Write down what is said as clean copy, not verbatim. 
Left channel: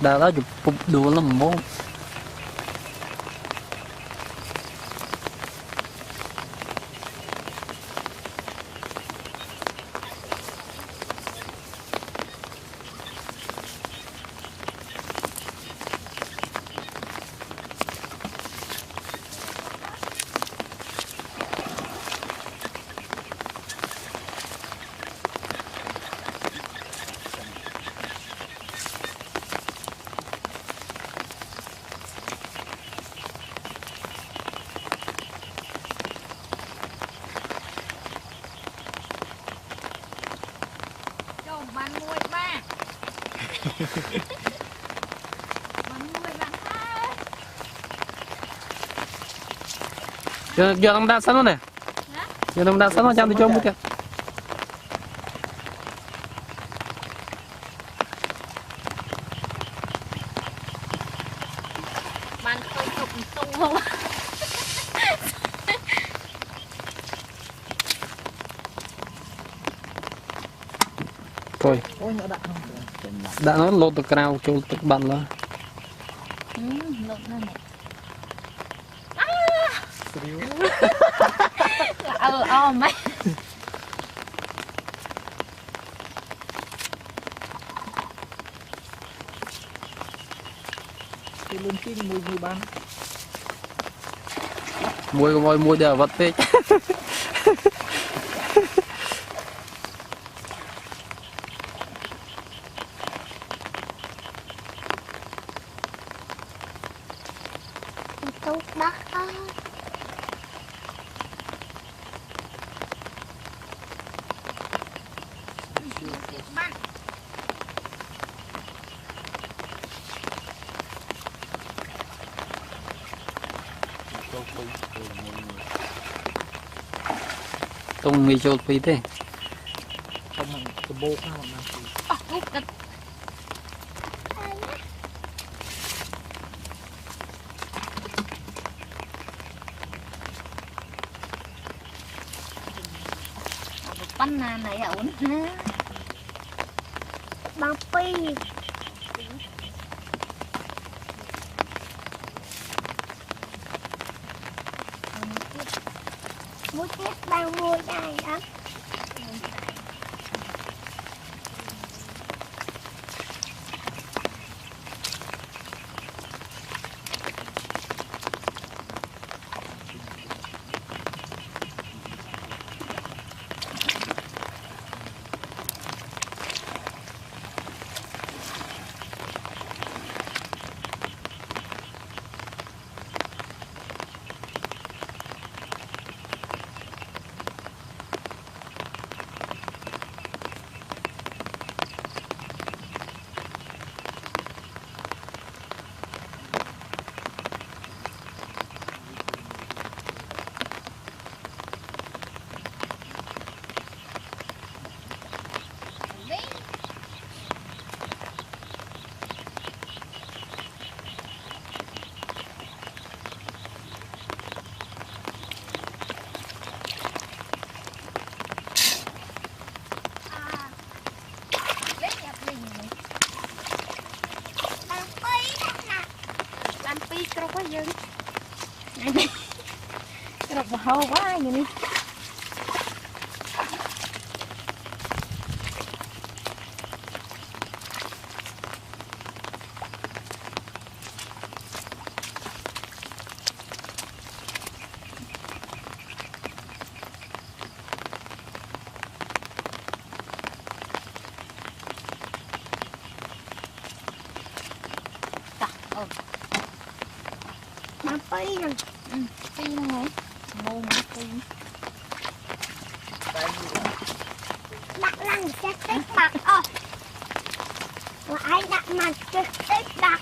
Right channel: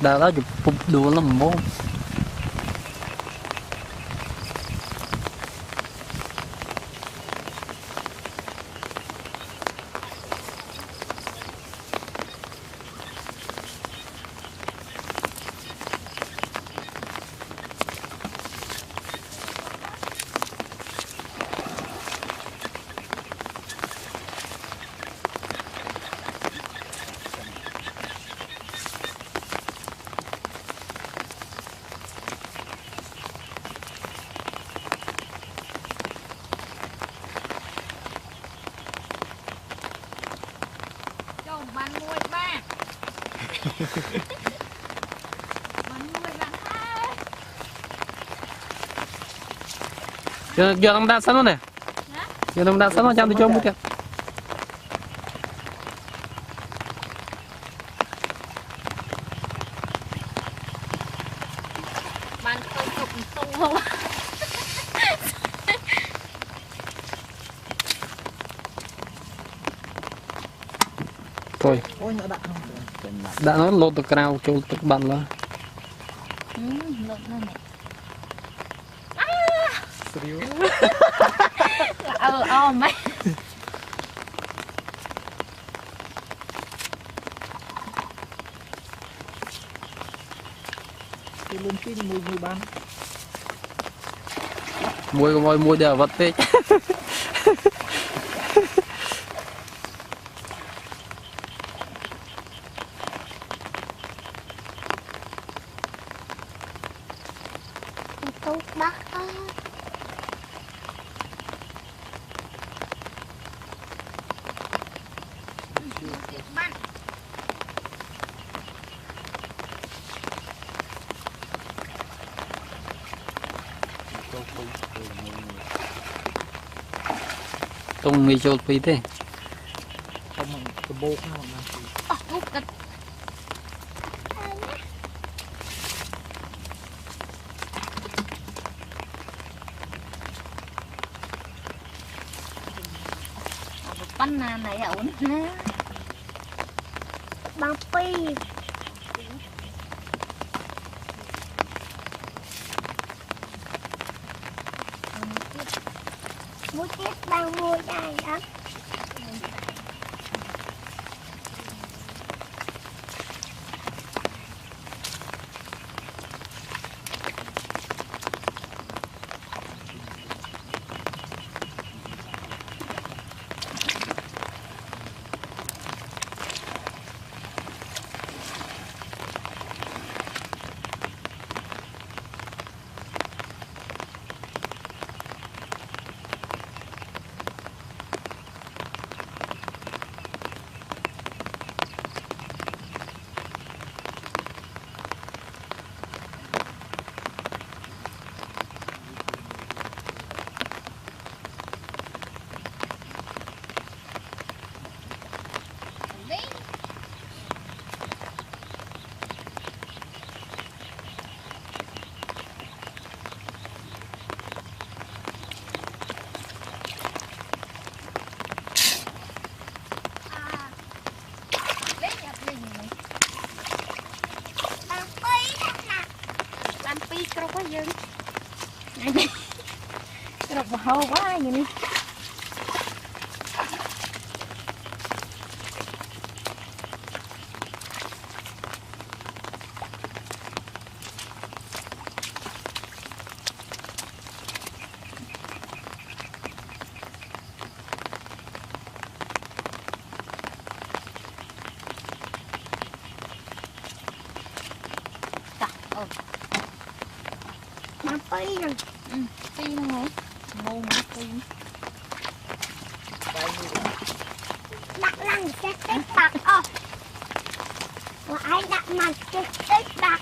đã đó chụp đùa lắm mốt bạn nuôi ba bạn nuôi bạn hai giờ ông đã sẵn rồi nè giờ ông đã sẵn rồi chăm tôi cho một cái bạn khơi cục tung không thôi đã nói lột được cao cho được bạn là lột ra nè mấy cái luôn cái mùi bán mùi đều vật tê tốt đất đó bạn tung mì chốt phí thế không bằng cái bột nó mà hút cái bánh này ổn ha băng pi mua tiếp bao mua đây đó cái quá dữ cái độc hô quá vậy đi mà phi rồi phi nữa hả ngon mà phi đặt lăng chắc bạc lại đặt mặt trực tiếp bạc